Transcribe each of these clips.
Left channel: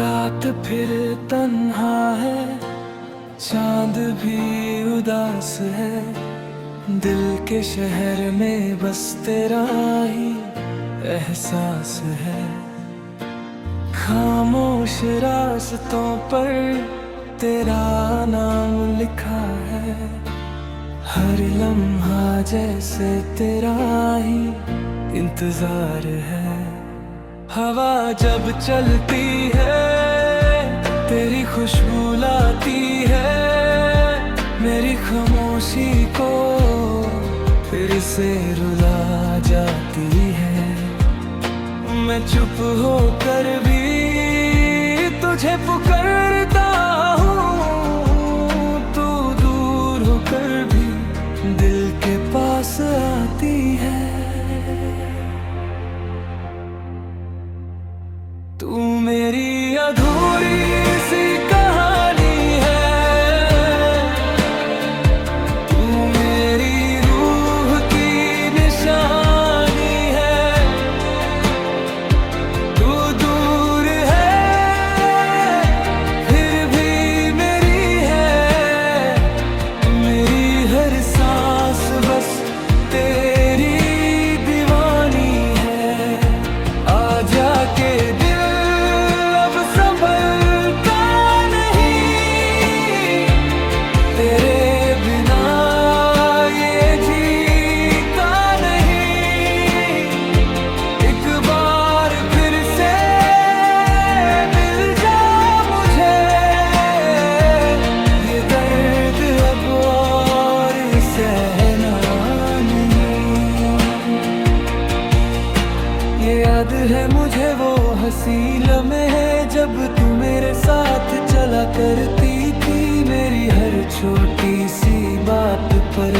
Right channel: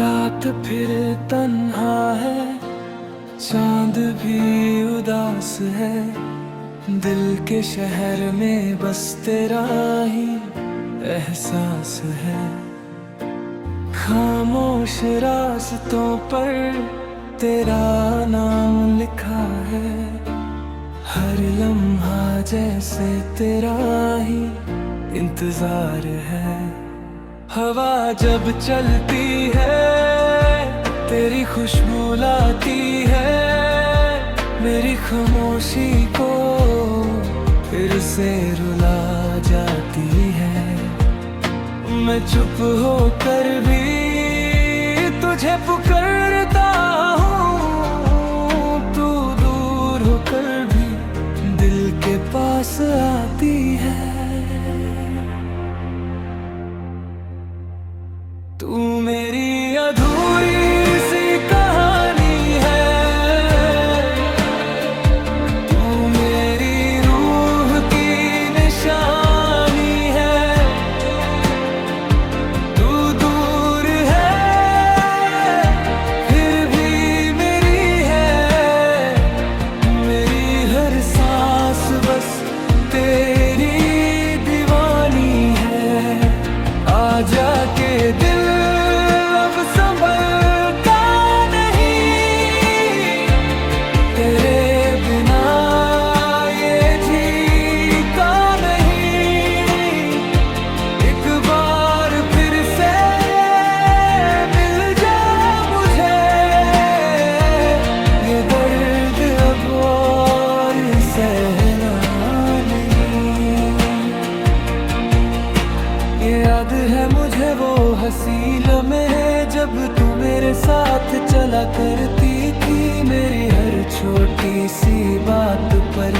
रात फिर तन्हा है, चांद भी उदास है। दिल के शहर में बस तेरा ही एहसास है। खामोश रास्तों पर तेरा नाम लिखा है। हर लम्हा जैसे तेरा ही इंतजार है। हवा जब चलती है तेरी खुशबू लाती है मेरी खामोशी को फिर से रुला जाती है। मैं चुप होकर भी तुझे पुकारता हूँ, तू दूर होकर भी दिल के पास आती है। तू मेरी अधूरी सी कहानी है, तू मेरी रूह की निशानी है। तू दूर है फिर भी मेरी है, मेरी हर सांस बस तेरी दीवानी है। आजा के दिल तेरे बिना ये जीता नहीं। एक बार फिर से मिल जा मुझे, ये दर्द अब और सहना नहीं। ये याद है मुझे वो हंसी लम्हे जब तू मेरे साथ चला करती थी। मेरी हर छोटी सी बात पर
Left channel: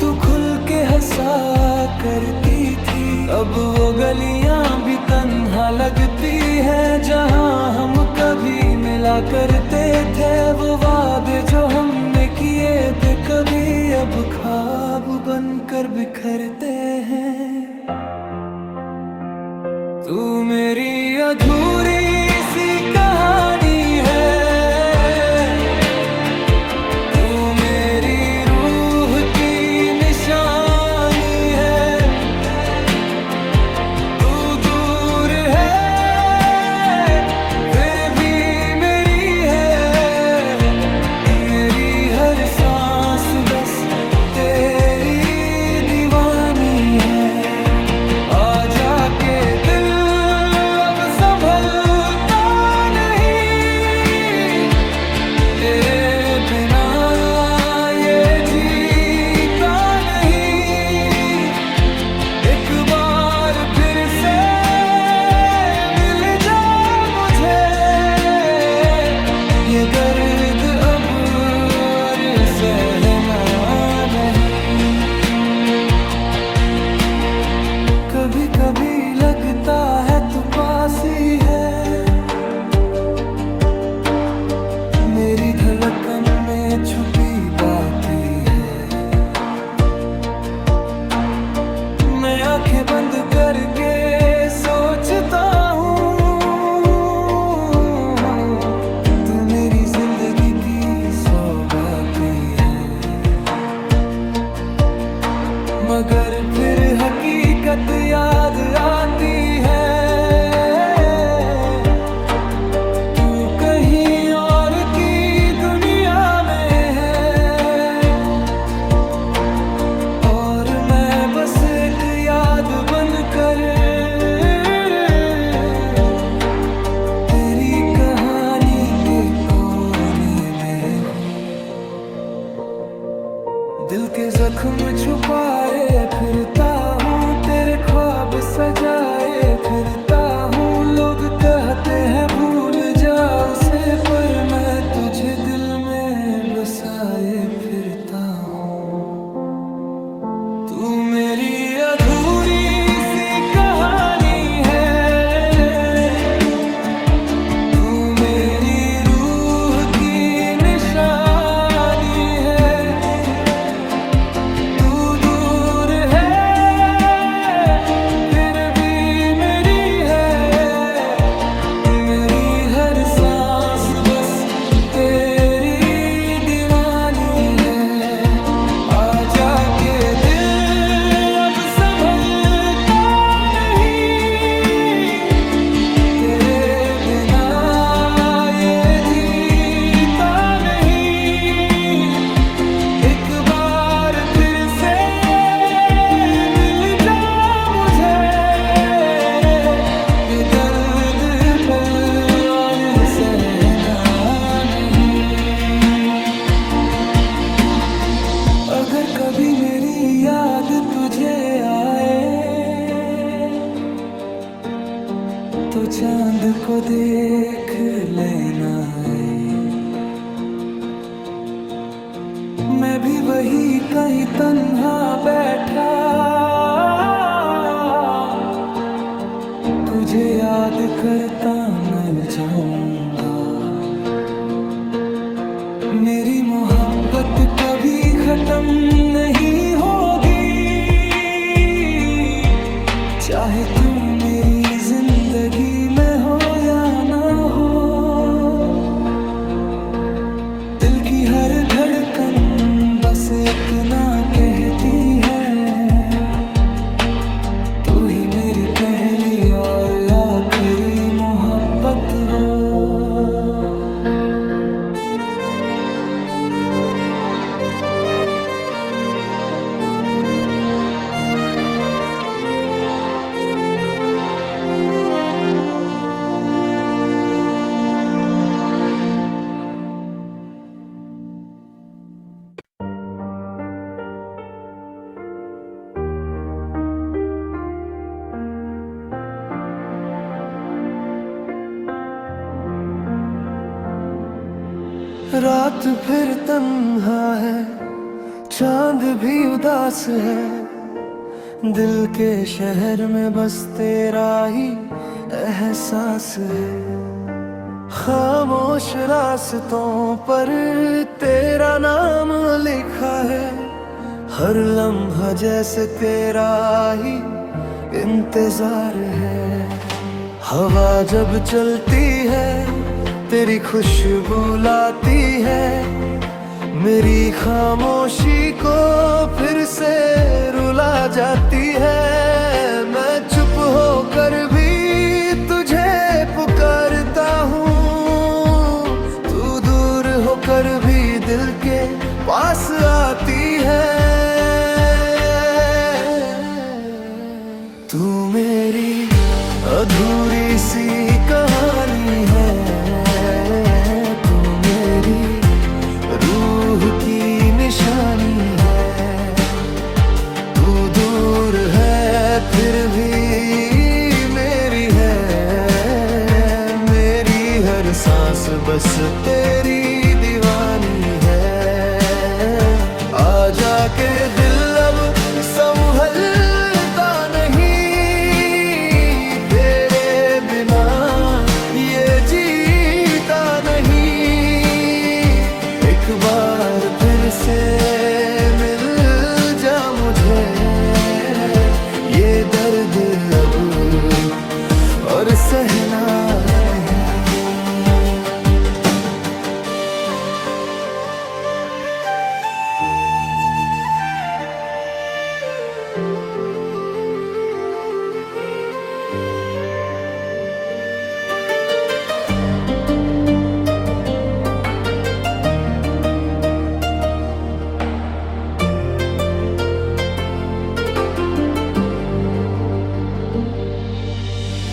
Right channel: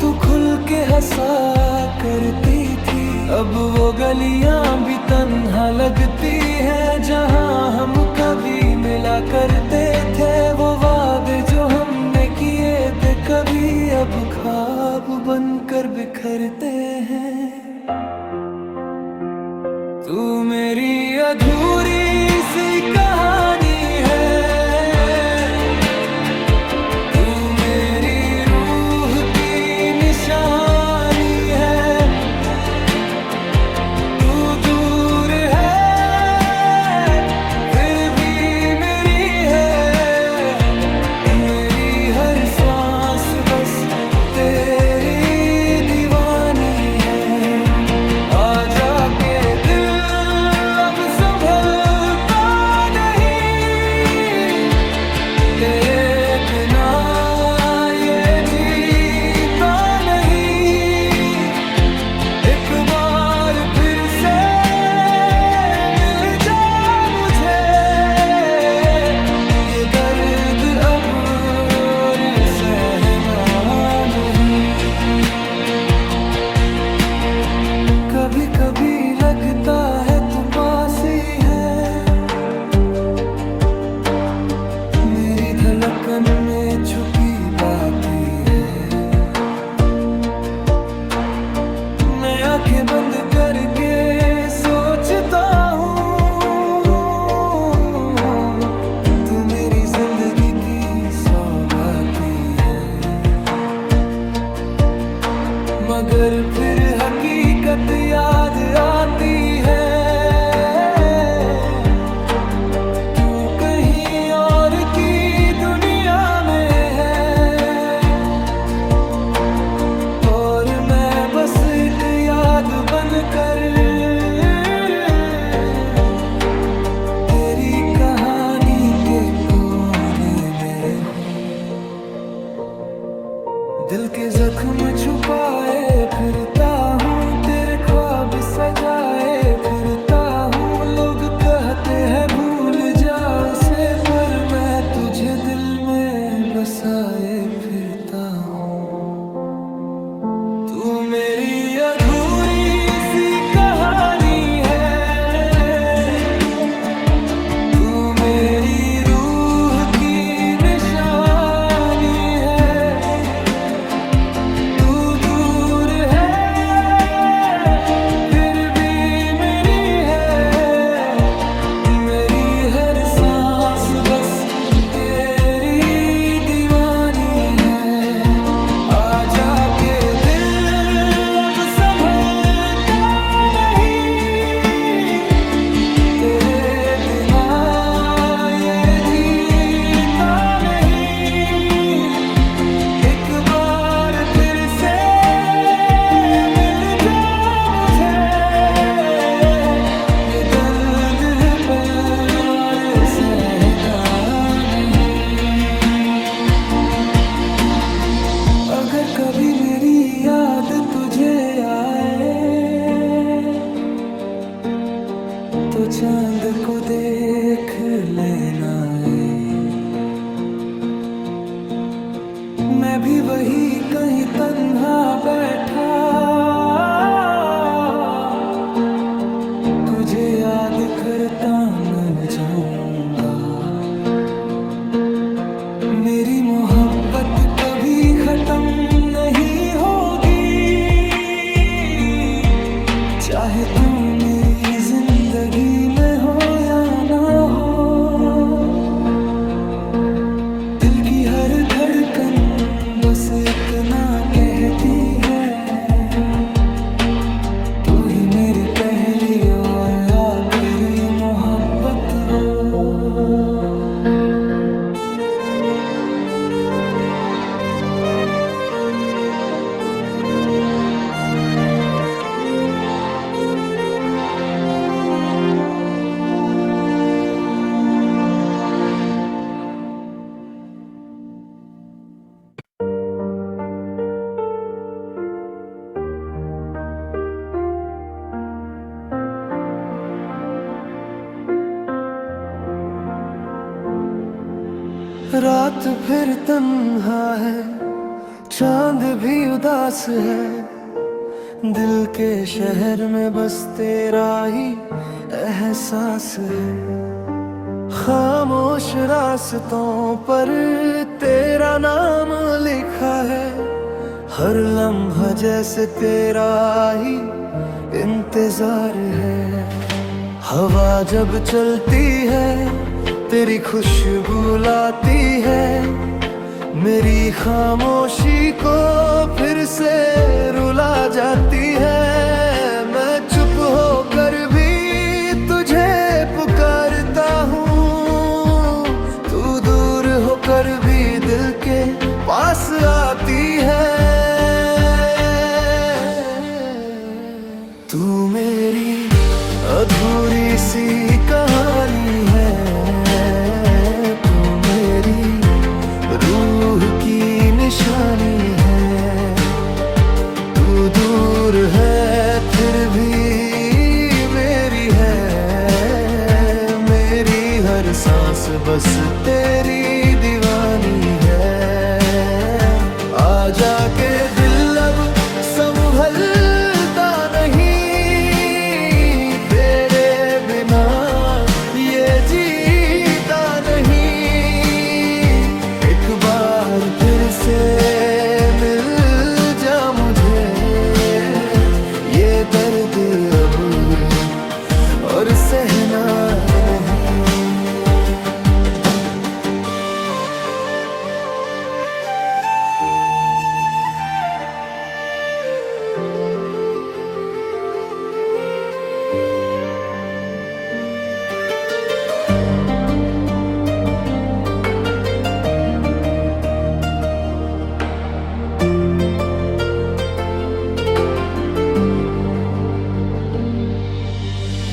तू खुल के हंसा करती थी। अब वो गलियां भी तन्हा लगती हैं जहां हम कभी मिला करते थे। वो वादे जो हमने किए थे कभी अब ख्वाब बनकर बिखरते हैं। तू मेरी अधूरी सी कहानी है, तू मेरी रूह की निशानी है। तू दूर है फिर भी मेरी है, मेरी हर सांस बस तेरी दीवानी है। आजा के दिल संभलता नहीं, तेरे बिना ये जीता नहीं। एक बार फिर से मिल जा मुझे, ये दर्द अब और सहना नहीं। कभी कभी लगता है तू पास ही है, मेरी धड़कन में छुपी बात ही है। मैं आंखें बंद करके सोचता हूँ तू मेरी जिंदगी की सौगाती है। मगर फिर हकीकत याद आती है, तू कहीं और की दुनिया में है और मैं बस एक याद बनकर तेरी कहानी के कोने में हूँ। दिल के जख्म छुपाए फिरता हूँ, तेरे ख्वाब सजाए फिरता हूँ। लोग कहते हैं भूल जा उसे, पर मैं तुझे दिल में बसाए फिरता हूँ। तू मेरी अधूरी सी कहानी है, तू मेरी रूह की निशानी है। हर अगर कभी मेरी याद तुझे आए तो चांद को देख लेना है। मैं भी वही कहीं तन्हा बैठा तुझे याद करता मैं जाऊंगा। मेरी मोहब्बत कभी खत्म नहीं होगी, चाहे तू मेरी जिंदगी में हो या ना हो। दिल की हर धड़कन बस इतना कहती है, तू ही मेरी पहली और आखिरी मोहब्बत हो। रात फिर तन्हा है, चांद भी उदास है, दिल के शहर में बस तेरा ही एहसास है। खामोश रास्तों पर तेरा नाम लिखा है, हर लम्हा जैसे तेरा ही इंतजार है। हवा जब चलती है तेरी खुशबू लाती है, मेरी खामोशी को फिर से रुला जाती है। मैं चुप होकर भी तुझे पुकारता हूँ, तू दूर होकर भी दिल के पास आती है। तू मेरी अधूरी सी कहानी है, रूह की निशानी है। तू दूर है फिर भी मेरी है, मेरी हर सांस बस तेरी दीवानी है। आजा के दिल अब संभलता नहीं, तेरे बिना ये जीता नहीं। एक बार फिर से मिल जा मुझे, ये दर्द अब और सहना नहीं।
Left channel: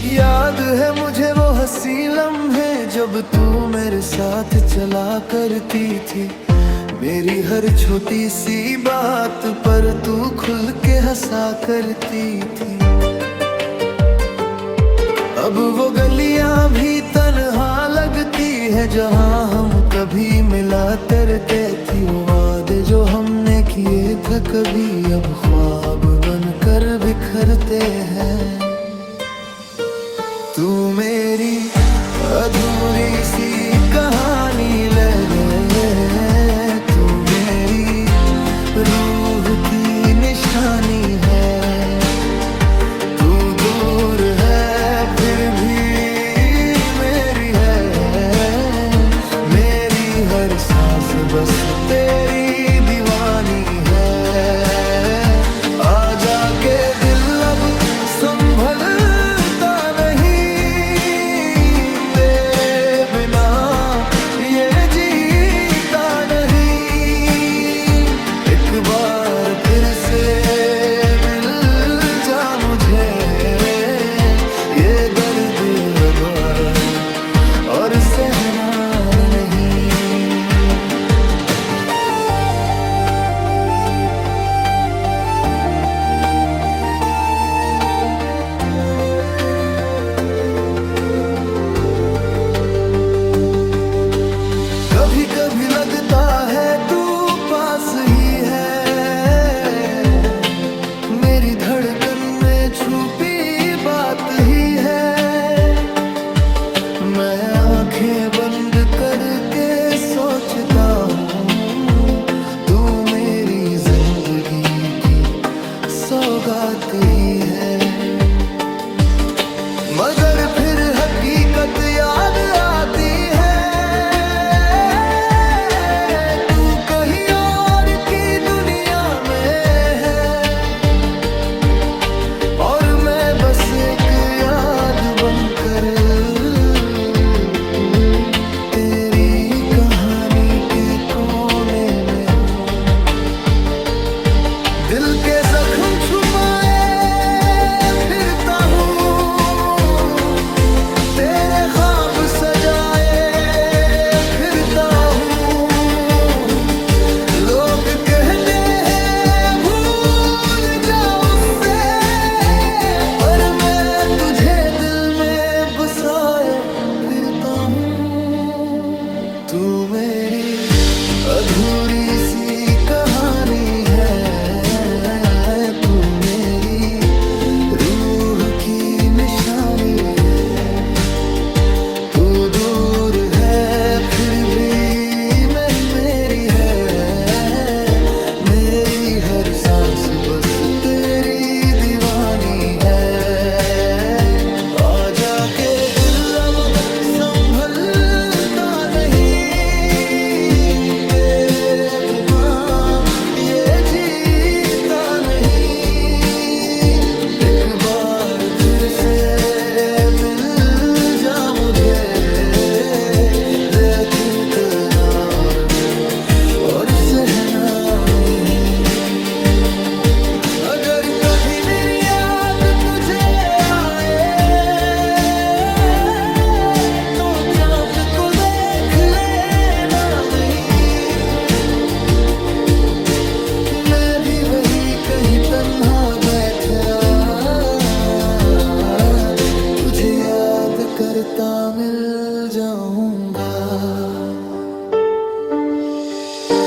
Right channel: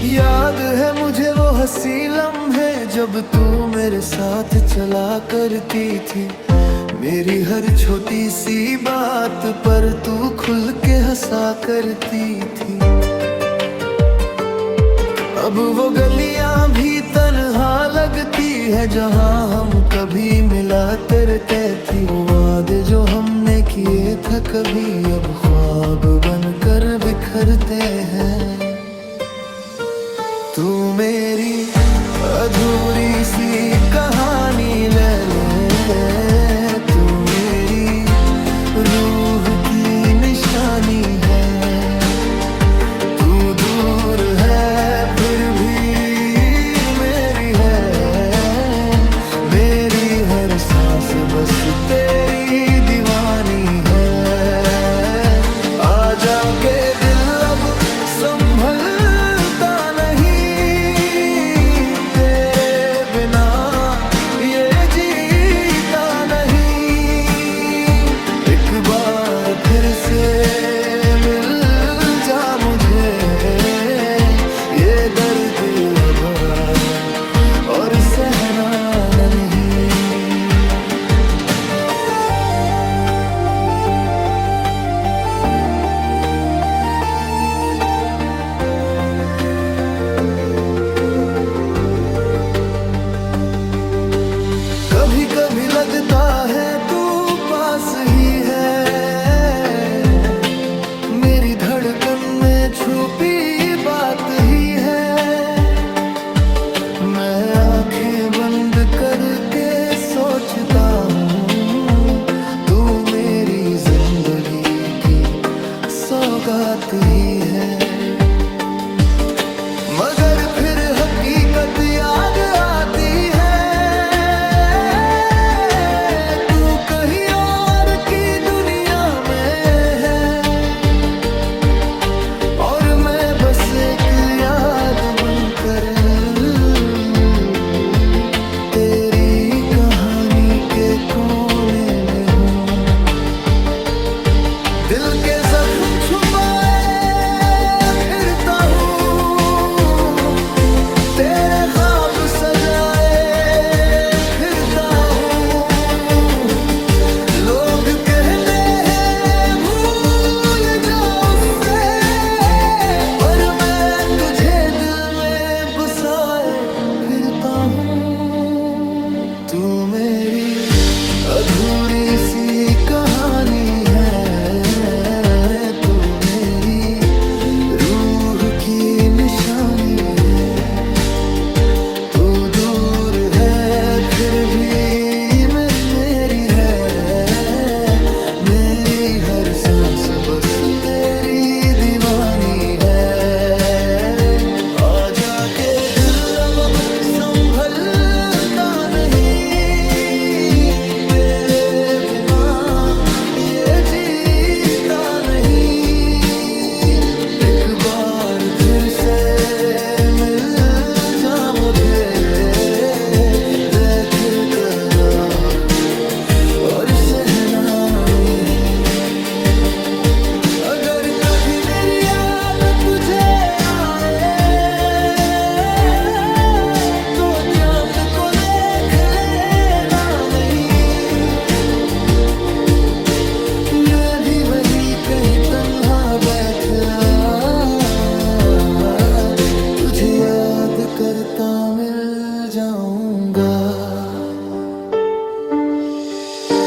याद है मुझे वो हंसी लम्हे जब तू मेरे साथ चला करती थी, मेरी हर छोटी सी बात पर तू खुल के हंसा करती थी। अब वो गलियां भी तन्हा लगती है जहां हम कभी मिला करते थी। वो वादे जो हमने किए थे कभी अब ख्वाब बनकर बिखरते हैं। तू मेरी अधूरी सी कहानी ले ले, तू मेरी रूह की निशानी है। तू दूर है फिर भी मेरी है, मेरी हर सांस बस तेरी दीवानी है। आजा के दिल अब संभलता नहीं, एक बार फिर से मिल जा मुझे, ये दर्द अब और सहना नहीं। कभी कभी लगता है तू पास ही है, मेरी धड़कन में छुपी बात ही है। मैं आंखें बंद करके सोचता हूँ, तू मेरी जिंदगी की सौगात ही है। मगर फिर हकीकत याद आती है, तू कहीं और की दुनिया में है, और मैं बस एक याद बनकर तेरी कहानी के कोने में हूँ। दिल के जख्म छुपाए फिरता हूँ, तेरे ख्वाब सजाए फिरता हूँ। लोग कहते हैं भूल जा उससे, पर मैं तुझे दिल में बसाए फिरता हूँ। तू मेरी अधूरी सी कहानी है, तू मेरी रूह की निशानी है। तू दूर है फिर भी मैं मेरी है, मेरी हर सांस बस तेरी दीवानी है। आजा के दिल अब संभलता नहीं, तेरे बिना ये जीता नहीं। एक बार फिर से मिल जा मुझे, देख इतना रब और सहना नहीं। अगर कभी मेरी याद तुझे आए, तो चांद को देख लेना नहीं। मैं भी वही कहीं तन्हा बैठ रहा, तुझे याद करता मिल जाऊंगा।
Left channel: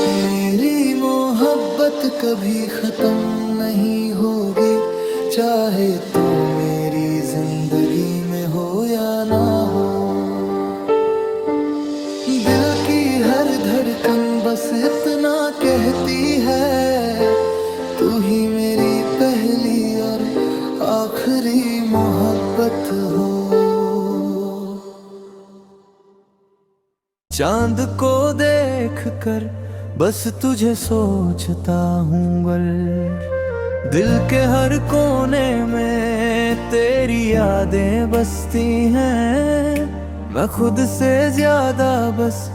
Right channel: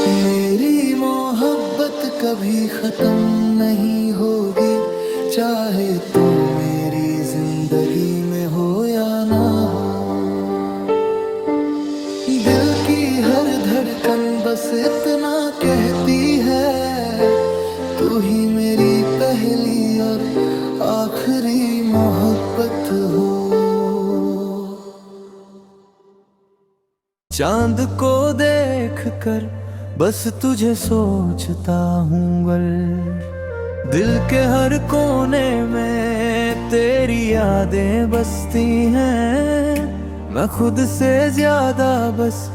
मेरी मोहब्बत कभी खत्म नहीं होगी, चाहे तू मेरी जिंदगी में हो या ना हो। दिल की हर धड़कन बस इतना कहती है, तू ही मेरी पहली और आखिरी मोहब्बत हो। चांद को देख कर बस तुझे सोचता हूँ गल, दिल के हर कोने में तेरी यादें बसती हैं। मैं खुद से ज्यादा बस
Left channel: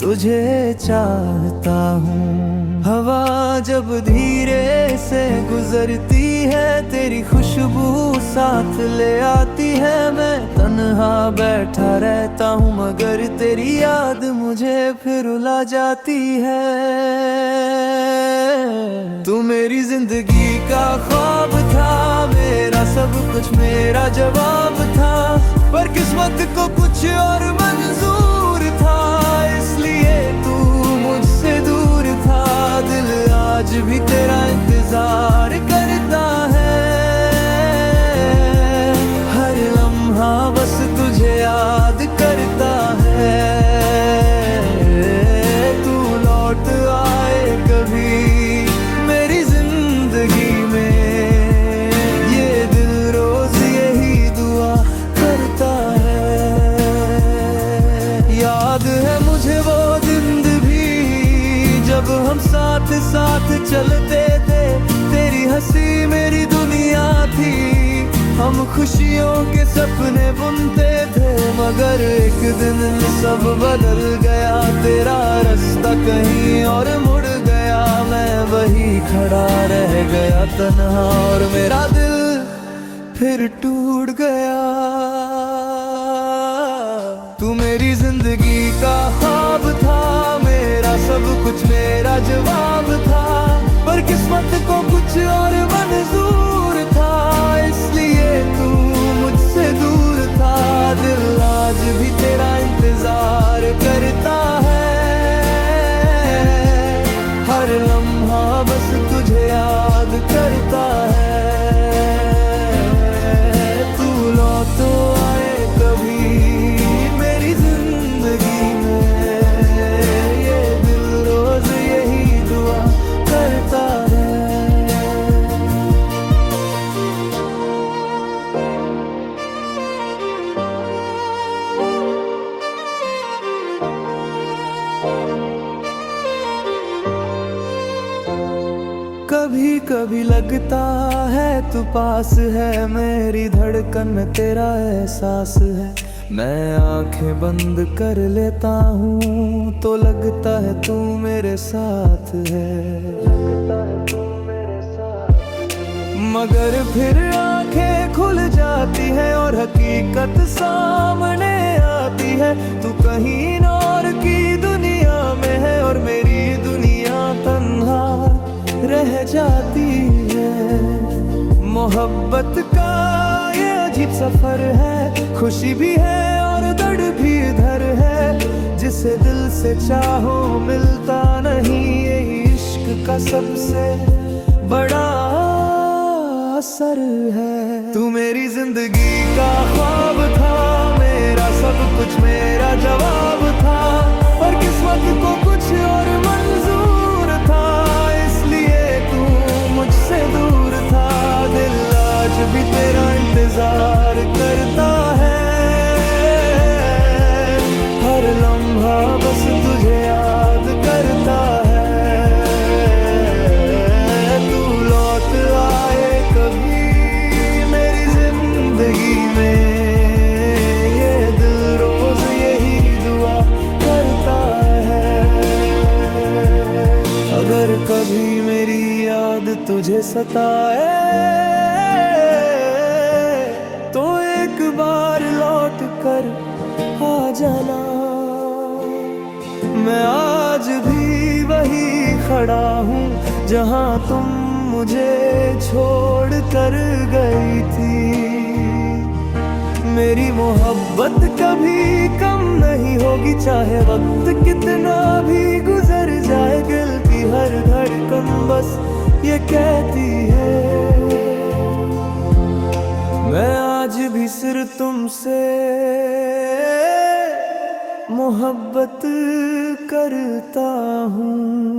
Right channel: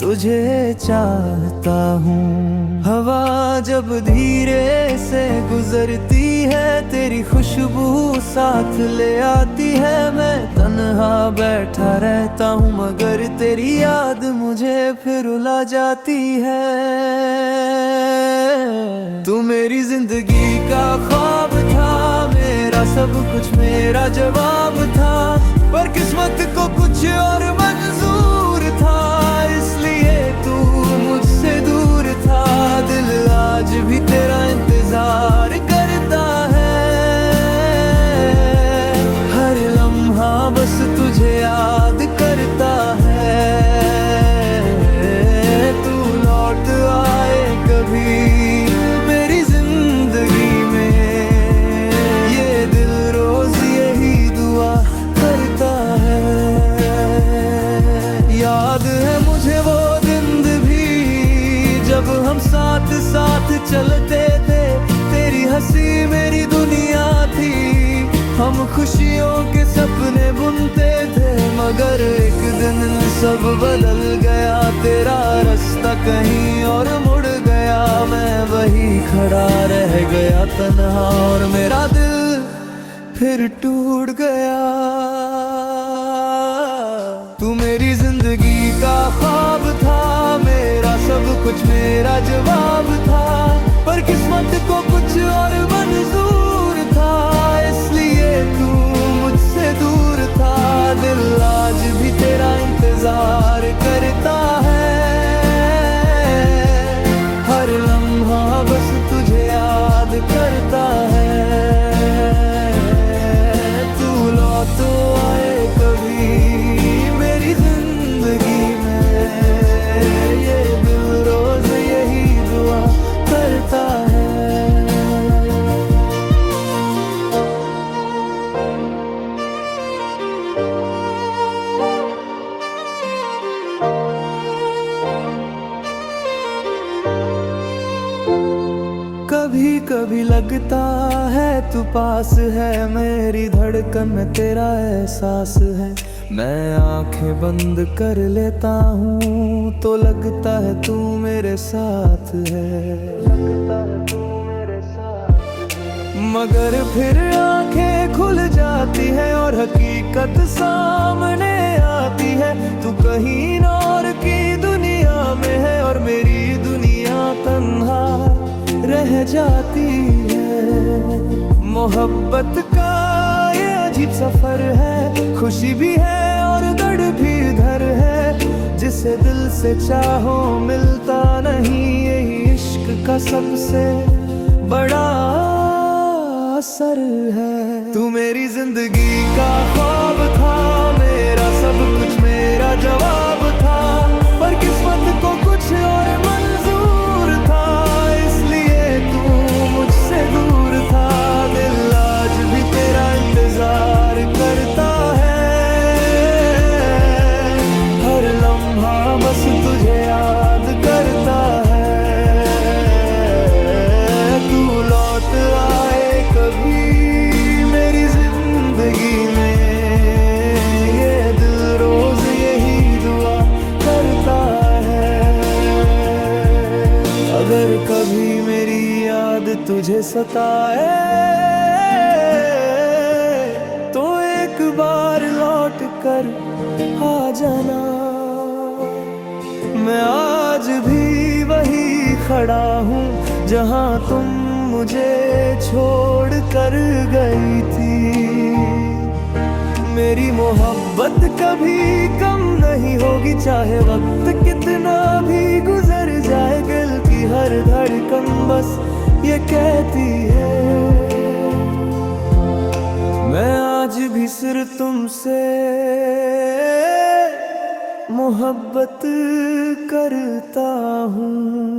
तुझे चाहता हूँ। हवा जब धीरे से गुजरती है, तेरी खुशबू साथ ले आती है। मैं तन्हा बैठा रहता हूँ, मगर तेरी याद मुझे फिर रुला जाती है। तू मेरी जिंदगी का ख्वाब था, मेरा सब कुछ मेरा जवाब था, पर किस्मत को कुछ और मंजूर था, इसलिए तू मुझसे दूर था। दिल आज भी तेरा इंतजार करता है, हर लम्हा बस तुझे याद करता है। तू लौट आए कभी मेरी जिंदगी में, ये दिल रोज यही दुआ करता है। याद है मुझे वो दिन भी जब हम साथ साथ चलते थे, तेरी हंसी मेरी दुनिया थी, हम खुशियों के सपने बुनते थे। मगर एक दिन सब बदल गया, तेरा रास्ता कहीं और मुड़ गया, मैं वही खड़ा रह गया तन्हा, और मेरा दिल फिर टूट गया। तू मेरी जिंदगी का ख्वाब था, मेरा सब कुछ मेरा जवाब था, पर किस्मत को कुछ और मंजूर था, इसलिए तू मुझसे दूर था। दिल आज भी तेरा इंतजार करता है, बस तुझे याद करता है। तू लौट आए कभी मेरी जिंदगी में, ये दिल रोज यही दुआ करता है। कभी कभी लगता है तू पास है, मेरी धड़कन में तेरा एहसास है। मैं आंखें बंद कर लेता हूँ तो लगता है तू मेरे साथ है, लगता है तू मेरे साथ है। मगर फिर आंखें खुल जाती है और हकीकत सामने आती है। तू कहीं और की दुनिया में है और मेरी दुनिया तन्हा रह जाती है। मोहब्बत का ये अजीब सफर है, खुशी भी है और दर्द भी इधर है। जिसे दिल से चाहो मिलता नहीं, यही इश्क का सबसे बड़ा असर है। तू मेरी जिंदगी का ख्वाब था, मेरा सब कुछ मेरा जवाब था। पर किस्मत को कुछ और मंजूर था, इसलिए तू मुझसे दूर था। दिल आज भी तेरा इंतजार करता है, हर लम्हा बस तुझे याद करता है। तू लौट आए कभी मेरी जिंदगी में, ये दिल रोज यही दुआ करता है। अगर कभी मेरी याद तुझे सताए तो एक बार लौट कर आ जाना। मैं आज भी वही खड़ा हूँ जहाँ तुम मुझे छोड़ कर गई थी। मेरी मोहब्बत कभी कम नहीं होगी, चाहे वक्त कितना भी गुजर जाए। दिल की हर धड़कन बस ये कहती है, मैं आज भी सिर्फ तुमसे मोहब्बत करता हूँ।